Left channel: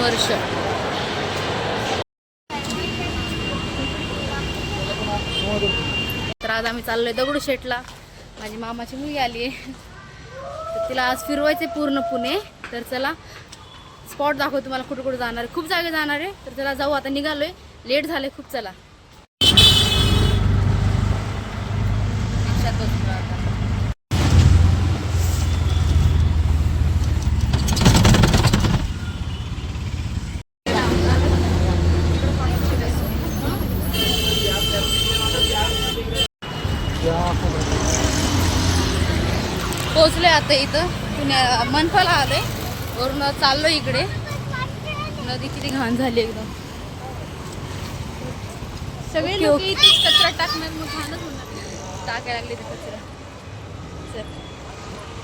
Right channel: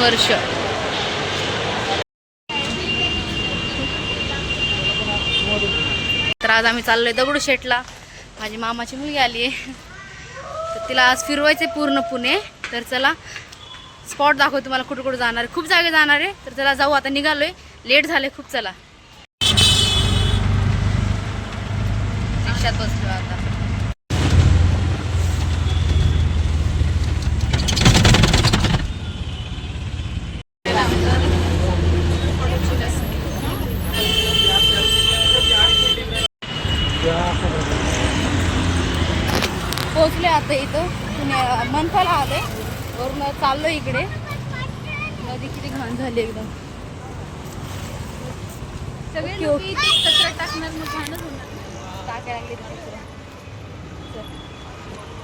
वर्ष. तर आज आम्ही चाललोय दगडूशेठला. माझी मामाची मुलगी आली आहे, तर तिला आज फिरवायचे पूर्ण पुणे. तर चला स्पॉट दाखवतो तुम्हाला, कुठं कुठं जाणार आहे. खूप जागे जाणार आहे. तर चला जाऊ, आता निघालोय, लेट झाले खूप. चला रिक्षात बसलो आता. पोहोचले आता इथं पुण्या मनपाला आलोय. वरून चाललो इकडे. नदी किती घाण झाली एकदम. सगळे लोक इथे कचरा टाकणार, मग घाणच होणार. टाकायला लागले ते कचरा.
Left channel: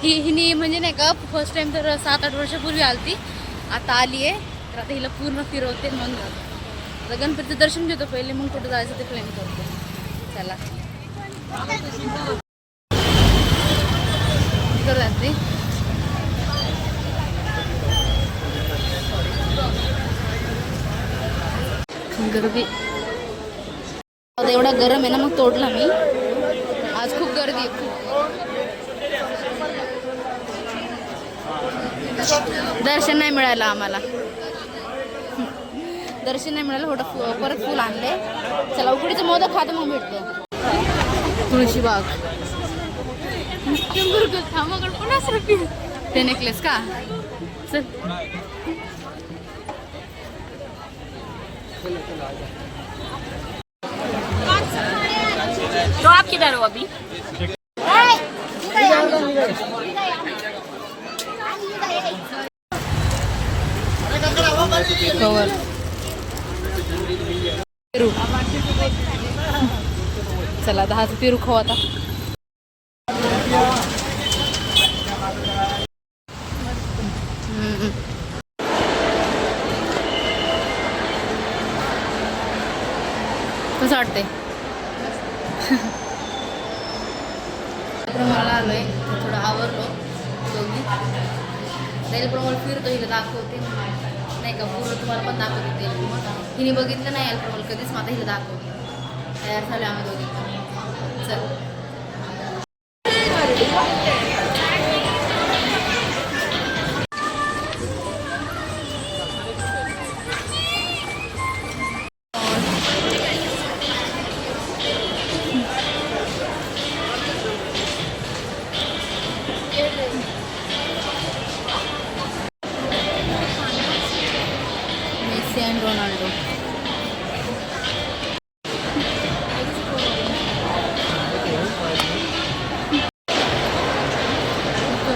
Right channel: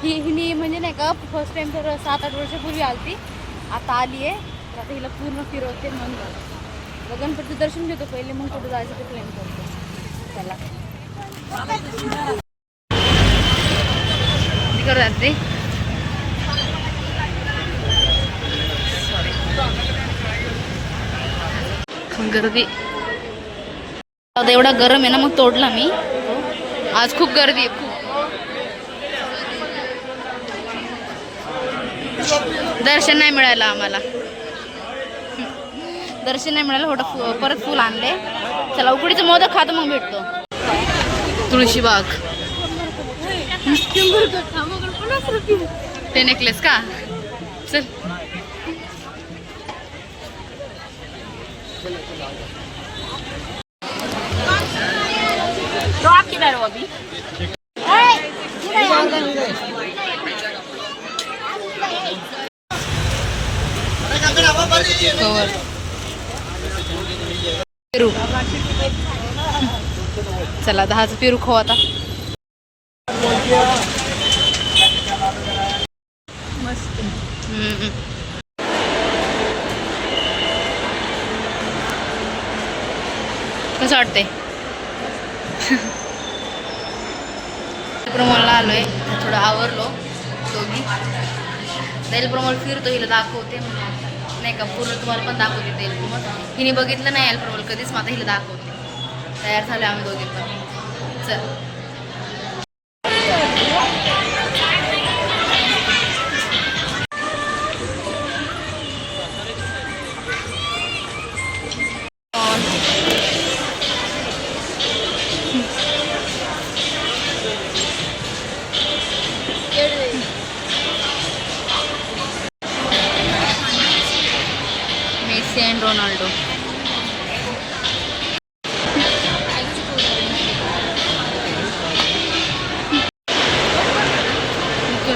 हिनी म्हणजे नाही का फर्स्ट टाइम तर 7-8 वर्षापूर्वी आलती, आता आली आहे. तर आता हिला पूर्ण फिरवते. म्हणून आता गणपतीचं दर्शन घेतो पहिले, मग कुठं जायचं ते प्लॅन करतो. चला तिकडं जाते. गर्दी आता एवढा गरम आहे ना, मग तोडला मी. आज खूप गर्दी आहे, खूप. दर्शन नाही मिळालं आम्हाला. दर्शन नाही मिळालं. परत फुल आणले. चला उकडीचं मोदक खातो, मग भेटतो. तुळशीबाग ते नेकलेस का. चल तो आप किधर हो अभी? कवर पेरू. चला 10चं पेरू खाऊ आता. कसं वाटतंय. प्रमोलला आलोय, थोडं आवरलो दोघी. प्रमोल फिरतो, हिला दाखवते नाही का, पूर्ण तुम्हाला पण दाखवते. प्रमोल हिने बघितलं नाही प्रमोल कधीच, मग आता हिला दाखवते. तयार झाले आम्ही दोघे पण. चल मेसी अँड रोनाल्डो.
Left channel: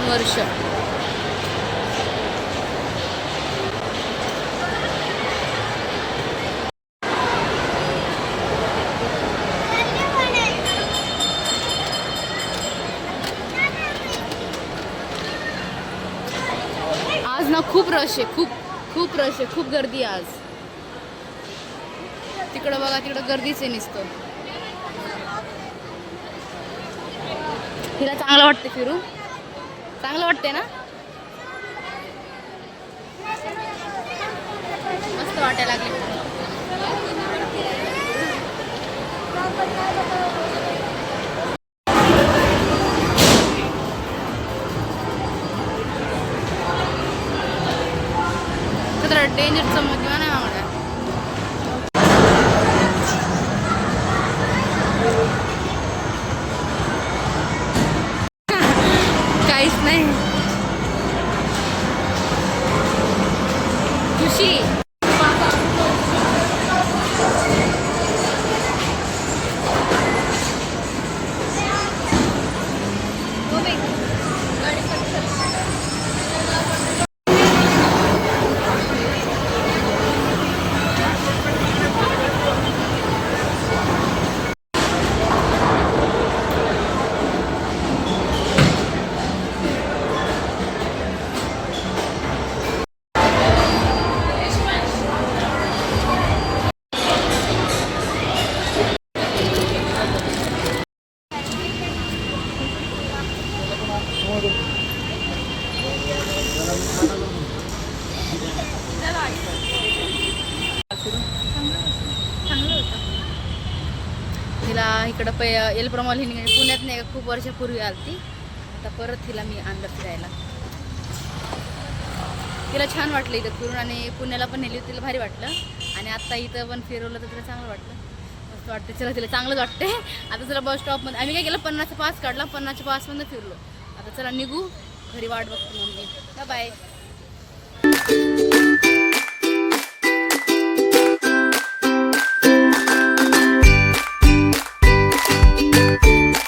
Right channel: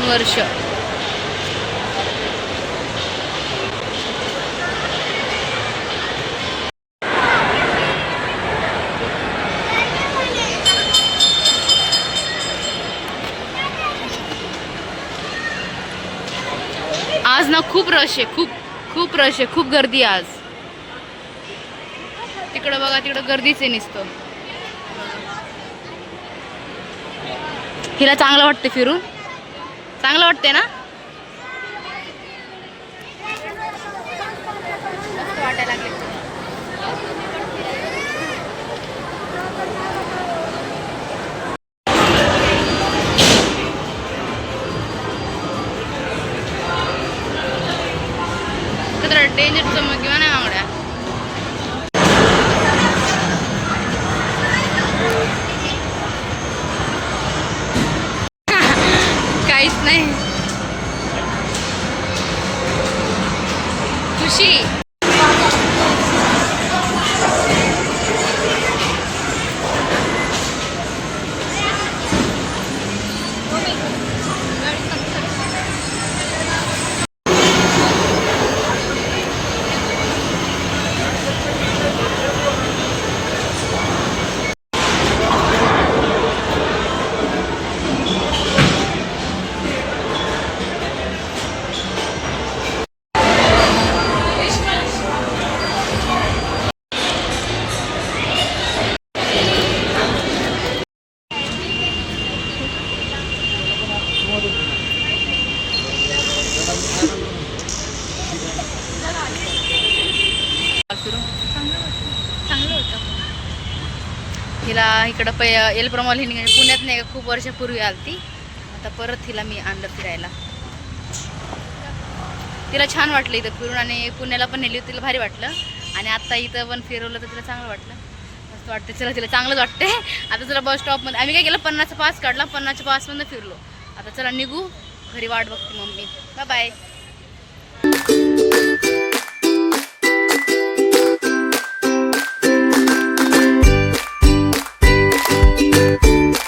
वर्ष आज ना खूप रश आहे, खूप रश आहे, खूप गर्दी आहे आज. तिकडं बघा, तिकडं गर्दीच आहे नुसतं. हिला चांगलं वाटते फिरून. चांगलं वाटते ना. मस्त वाटायला लागले. तर डेंजर चमक किंवा नाही आवड्या. काहीच नाही. खुशी हिला इकडं एलप्रमॉल हिने पुण्यात नाही का खूप वर्षापूर्वी आलती. आता परत हिला मी आणलं फिरायला. तिला छान वाटलं इथं फिरून आणि पुण्याला पण नेली होती, तिला भारी वाटलं. आणि आत्ता इथं पण फिरवलं तर तिला चांगलं वाटलं, मस्त वाटते. चला तिला चांगलंच वाटते. आता चला बस स्टॉपमध्ये आम्ही काय केलं 50चा पास काढला, 50च्या पासमधून फिरलो. आता चला निघू घरी, वाट बघते मम्मी. Bye bye.